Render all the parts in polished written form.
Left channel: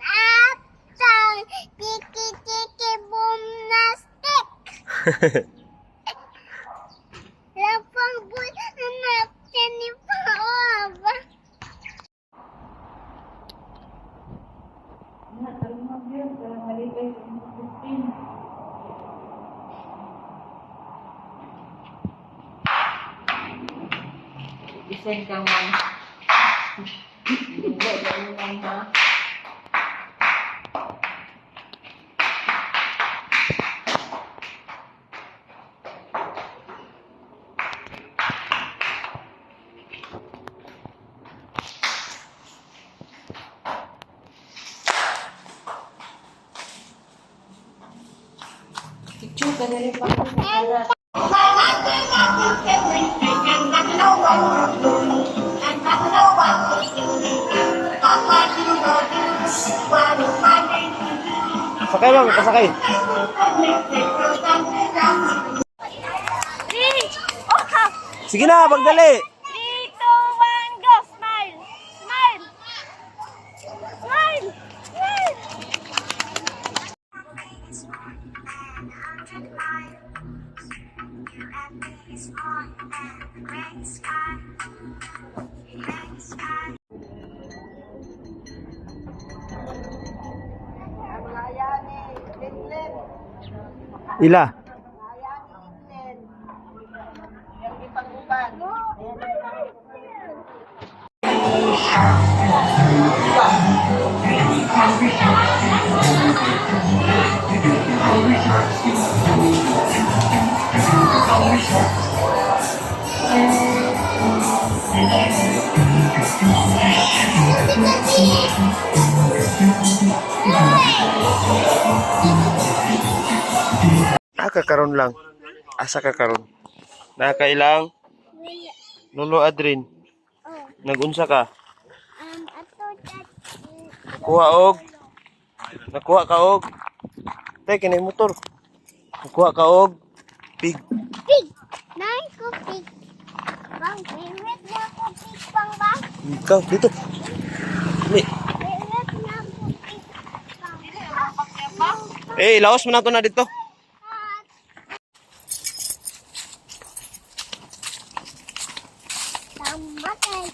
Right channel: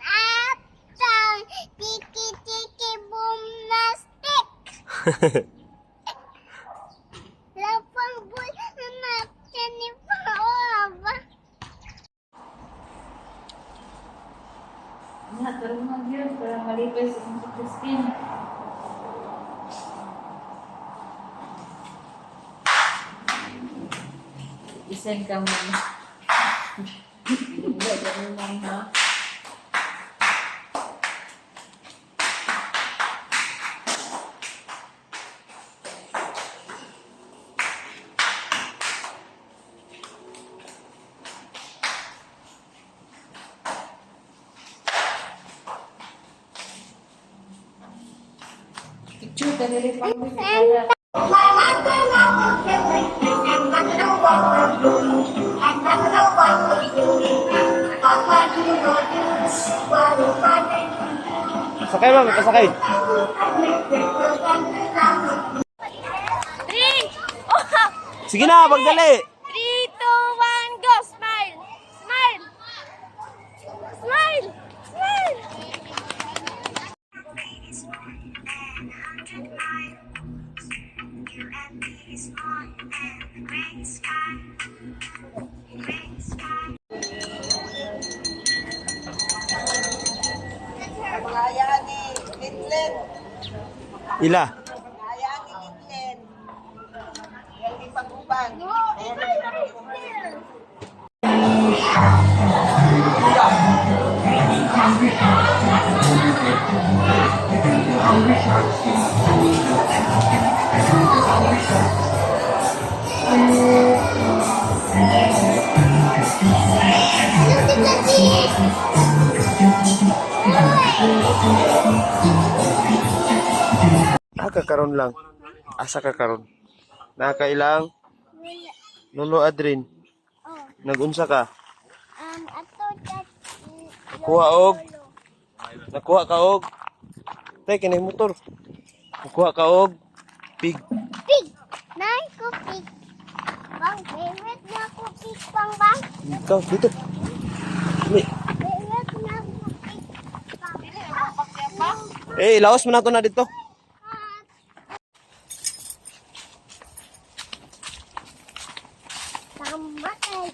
up down, tiki tiki boom nastic. Lapang bull anak ni Paob. Nga, tarungan yun para malipay sa Christine. Design kang mga. Hindi, tarungan ha. Picture ka dali pa ko sa karat. Sakay ba? May pasakay. Sige na, pagdali. 3, 2, 1, go! Smile! Smile! Smile! Smile! Ila. Kakaroon lang. Asa kakaroon? Nakailang? Lolo Adrin. Nagunsa ka? Ato chat. Nakuha ka og. Tay kinay motor. Nakuha ka og pig. Pig! Nay ko pig. Bang, favorite na ko pig pang bang. Ikaw dito. Dili. Favorite na ko pig pang. Laos mo na to na dito. Tama kayo.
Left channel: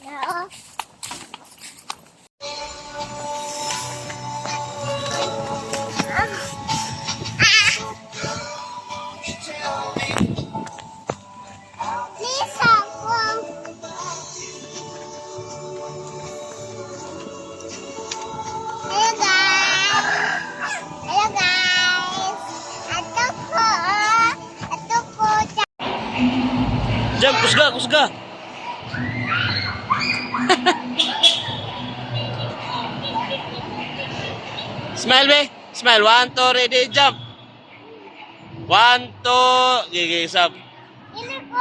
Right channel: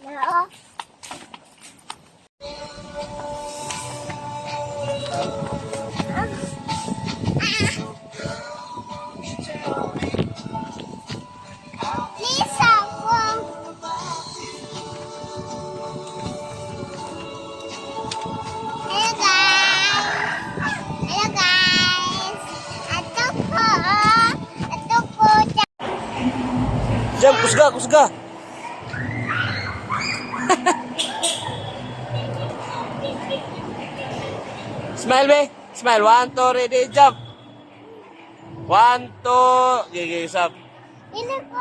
Oo. Please ako. Hello guys. Hello guys. Ato po. Ato po. Jam, kusga, kusga. Smile, be. Smile. 1, 2, ready, jump. 1, 2. Gigi, sab. Ini ko